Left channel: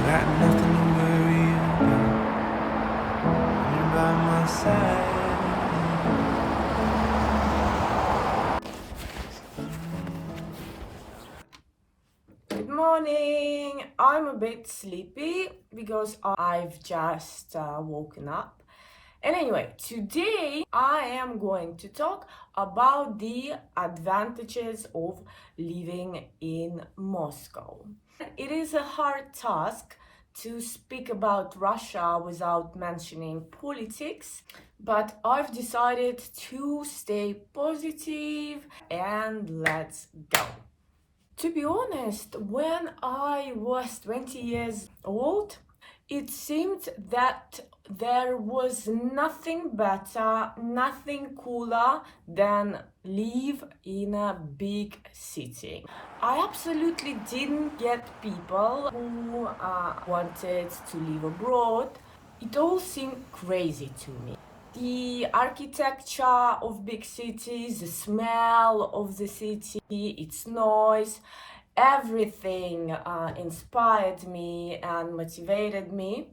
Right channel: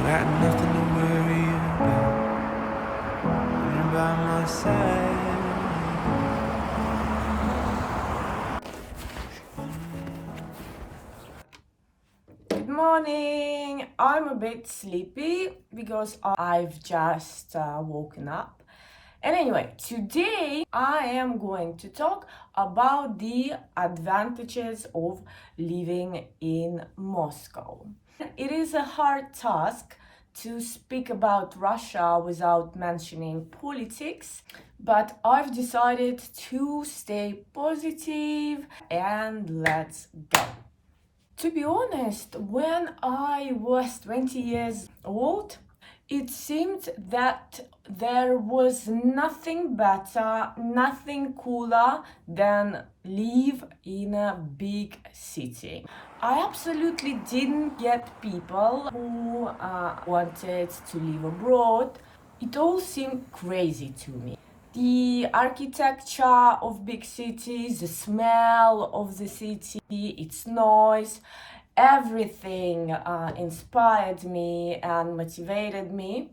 I got nothing to worry about when you're by my side. Good morning. I'm a bit sleepy because I've just woken up. And anyway, today I am going to talk about the advantages of living in Moscow. It is a hard task to speak about Russia without mentioning politics, but I've decided to stay positive and let's go. To be honest, when I was 20 years old, it seemed that there was nothing better, nothing cooler than live in a big city. I absolutely didn't get people who wanted to live abroad. It all seemed crazy to me. The architecture of big cities, the smell of the city, its noise, everything inspired me and motivated me.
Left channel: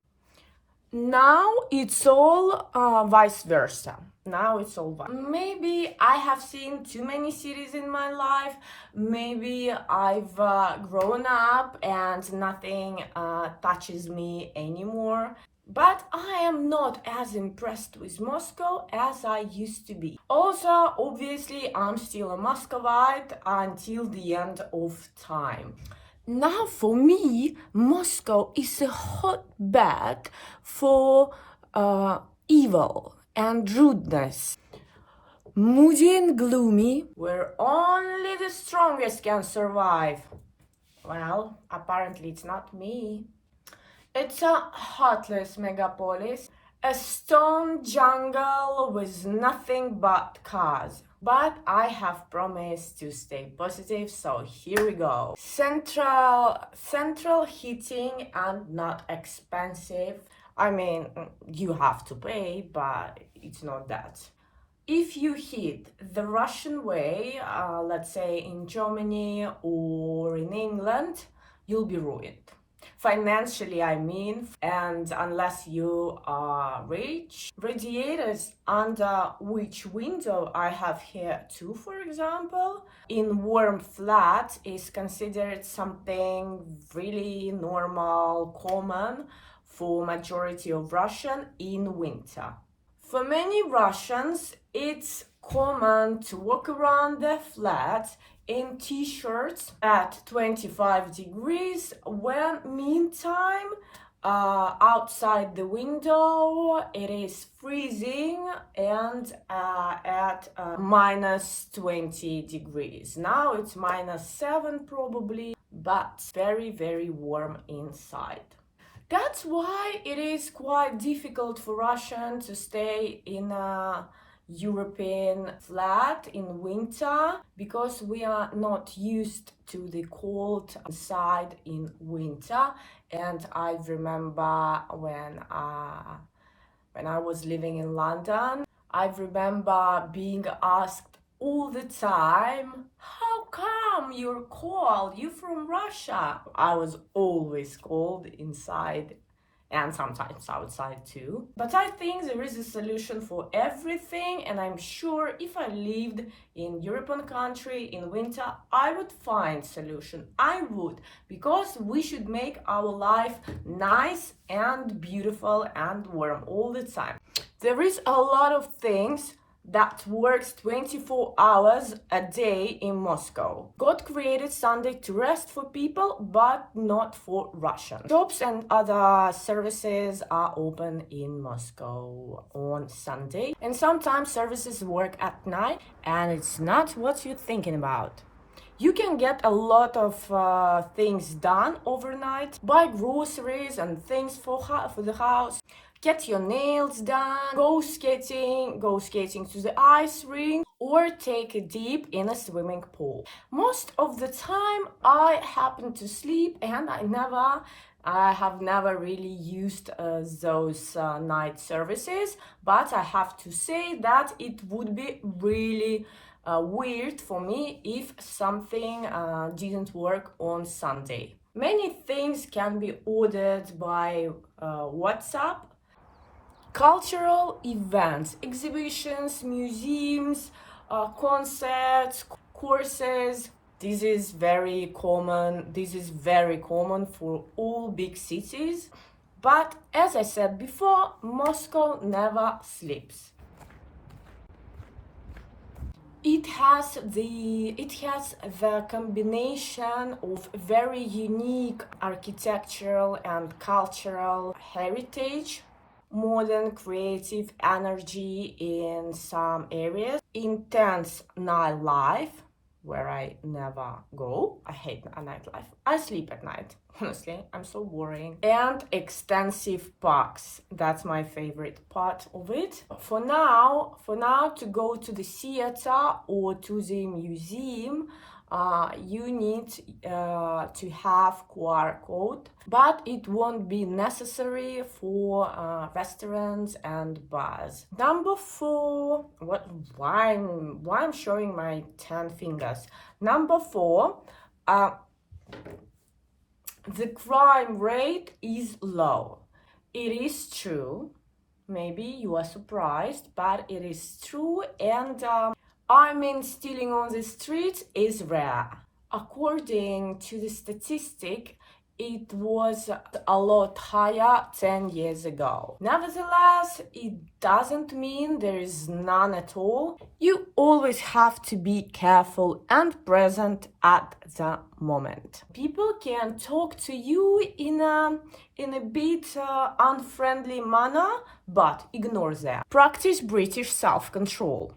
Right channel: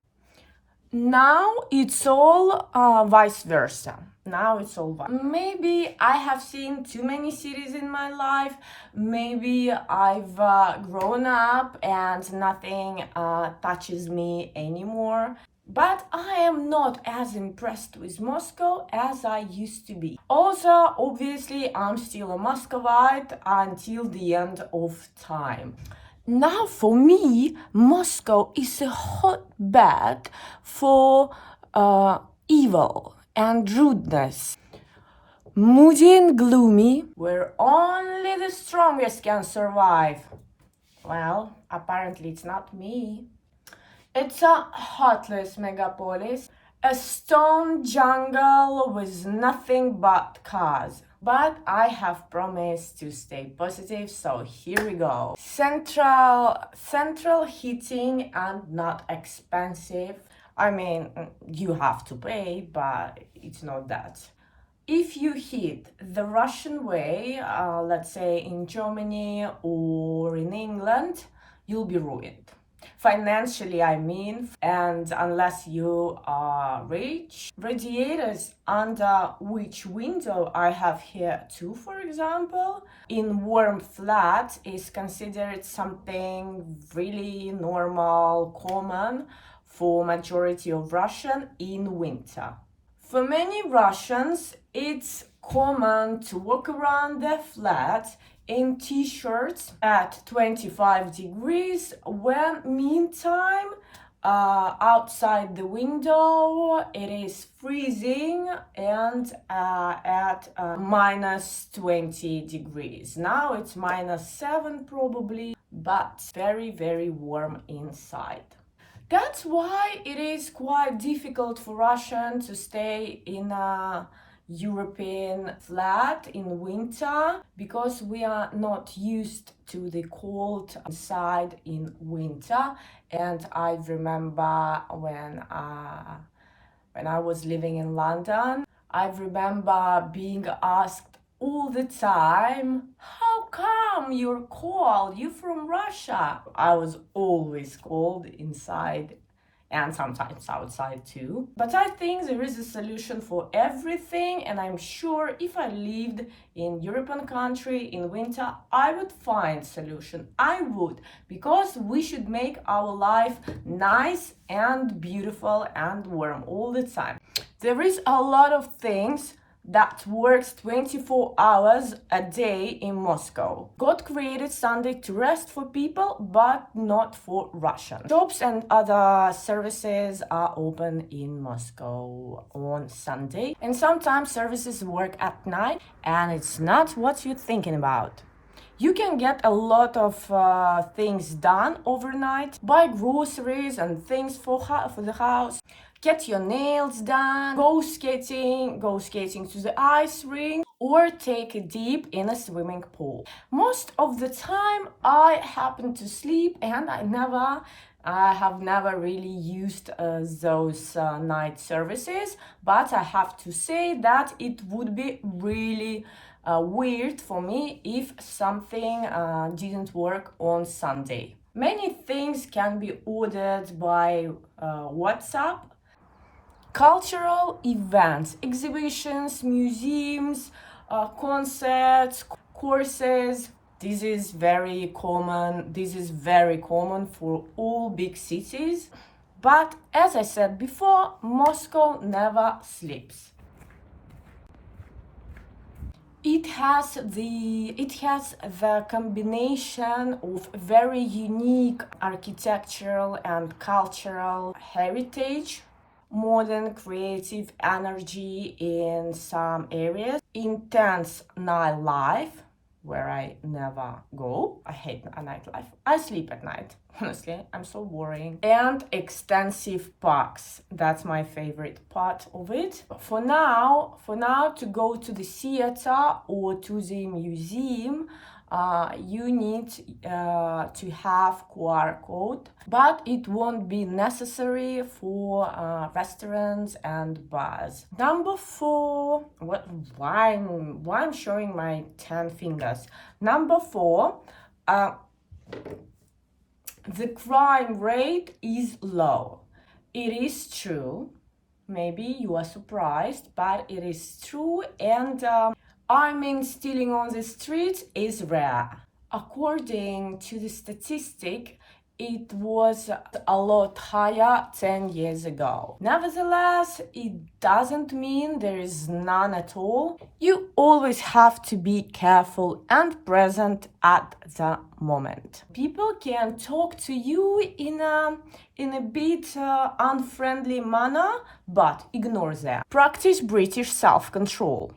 Now it's all vice versa. Maybe I have seen too many cities in my life. Maybe I've grown up and nothing touches me anymore. But I am not as impressed with Moscow as I used to be. Also, obviously, I'm still a muscovite until the end of time. Now, for me, Moscow is a hotbed for evil and rudeness. Moody and gloomy, where only the strongest can survive. Well, apparently it's not me. It's a heartless megapolis, a stone jungle with nothing but cars. But I have promised to stay positive, so here we go. Central heating and not expensive. I mean, you have to pay, but it's not that. If you heat the Russian way, let's say in Germany or in England, you'll be ruined. Financially, I mean, and unless you are rich. Radiators under which window I have here too, for example, in warm flat is considered something really normal, common for majority of Russian in winter. For many Russians, it's common to walk around their flat in t-shirts at 25 degrees when meantime outside the window it is freezing and at minus 20 degrees. Now it's minus 7 probably, but very, very warm inside. That's why it is quite difficult for Russians to stay in a European flat in winter because we are not used to the cold side in winter. And I remember when I was living in London, I remember being asked all the time, how come you're cold? You from Russia? I was always cold inside and sometimes outside too. But I think there is a solution for everything, and I'm sure if I lived in European country in winter, I would find solution. I would, because we should make our life nice and beautiful and warm all the time. There is a lot of things that works 24 hours a day in Moscow. God created Sunday to rest for people, but not for Russians. Shops and other services are open in Moscow on Sunday, and sometimes services work at night, and it's not what you're thinking about. You can get a lot of things done overnight, buy groceries and things for the house, get your nails done, go skating to the ice rink, or take a dip in a swimming pool. Most of the time I happen to sleep and I have never really used those night services, but I have to say that it would be really weird for me if something didn't work on Sunday. Many things can be ordered by WhatsApp. Cultural events, exhibitions, museums, concerts, courses. This is very common. This is very common for all big cities. But as I said before, Moscow never sleeps. It has the combination of very unique architectural and cultural heritage, modern creative energy in some areas, intense nightlife, where I never go. I hate a nightlife. I sleep at night. Honestly, I'm so boring. And extensive parks. That's my favorite part of it. For now, to go to the theater or to the museum, you need to have QR code, but it won't be necessary for restaurants and bars. Number 4, why I'm showing my 10 fingers. Number 4, the crime rate is low. It is true. Maybe you are surprised, but it is true. And stealing on the streets is rare. According to the statistic, it was a lot higher 10 years ago. Nevertheless, it doesn't mean there is none at all. You always have to be careful and present at the moment. People can talk to you in a bit unfriendly manner, but ignore them. Practice British self-control.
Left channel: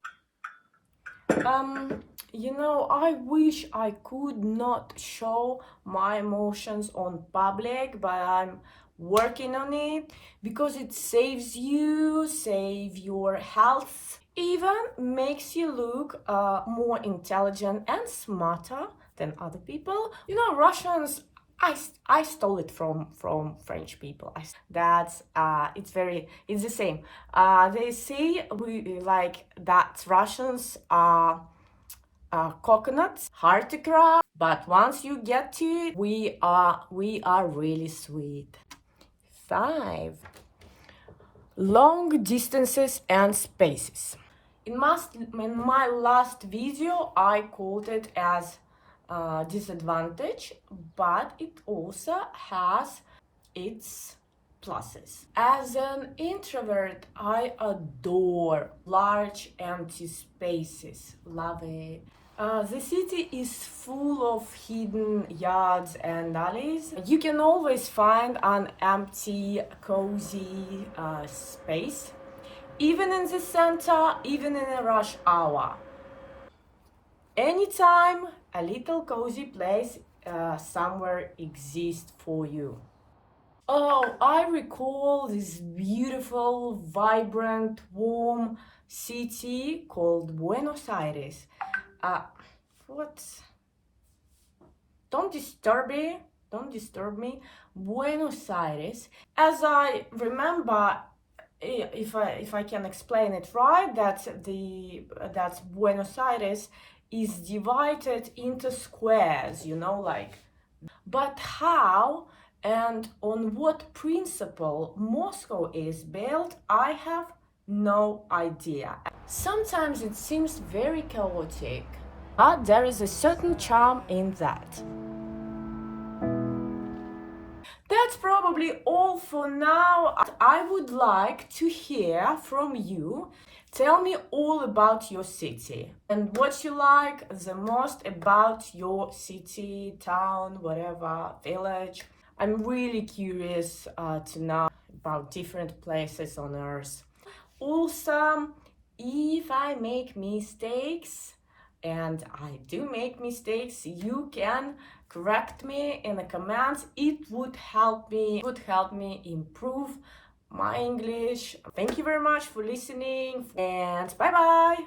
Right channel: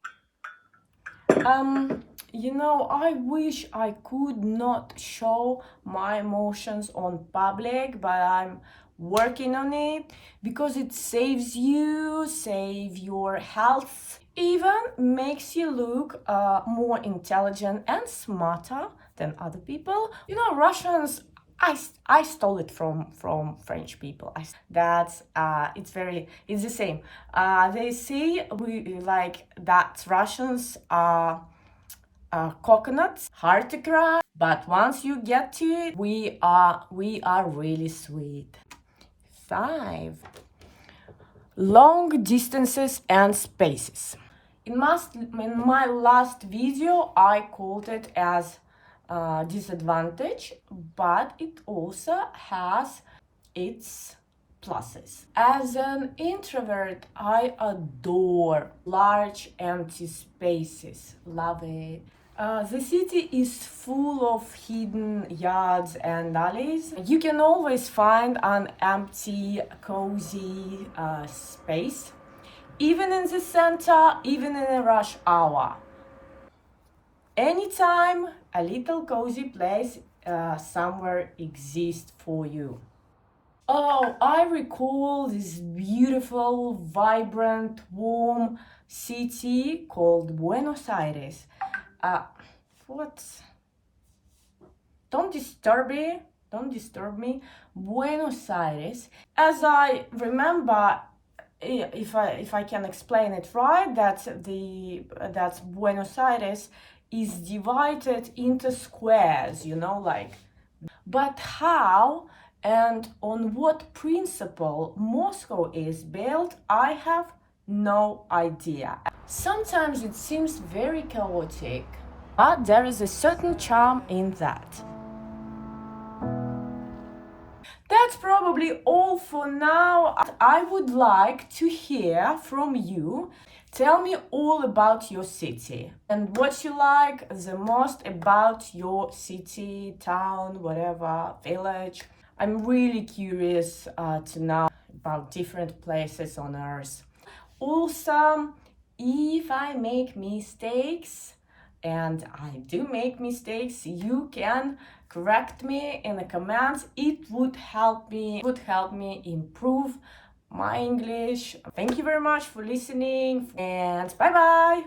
I wish I could not show my emotions on public, but I'm working on it because it saves your health, even makes you look more intelligent and smarter than other people. Russians, I stole it from French people. It's the same. They say that Russians are coconuts, hard to crack, but once you get to it, we are really sweet. 5. Long distances and spaces. In my last video, I called it as disadvantage, but it also has its pluses. As an introvert, I adore large empty spaces. Love it. The city is full of hidden yards and alleys. You can always find an empty, cozy space, even in the center, even in a rush hour. Anytime a little cozy place somewhere exists for you. Oh, I recall this beautiful, vibrant, warm city called Buenos Aires. What? Don't disturb me. Buenos Aires. As I remember, if I can explain it right, that's Buenos Aires is divided into squares, But how and on what principle Moscow is built, I have no idea. Sometimes it seems very chaotic, but there is a certain charm in that. That's probably all for now. I would like to hear from you. Tell me all about your city and what you like the most about your city, town, whatever, village. I'm really curious to know about different places on Earth. Also, if I make mistakes, and I do make mistakes, you can correct me in the comments. It would help me improve my English. Thank you very much for listening, and bye bye.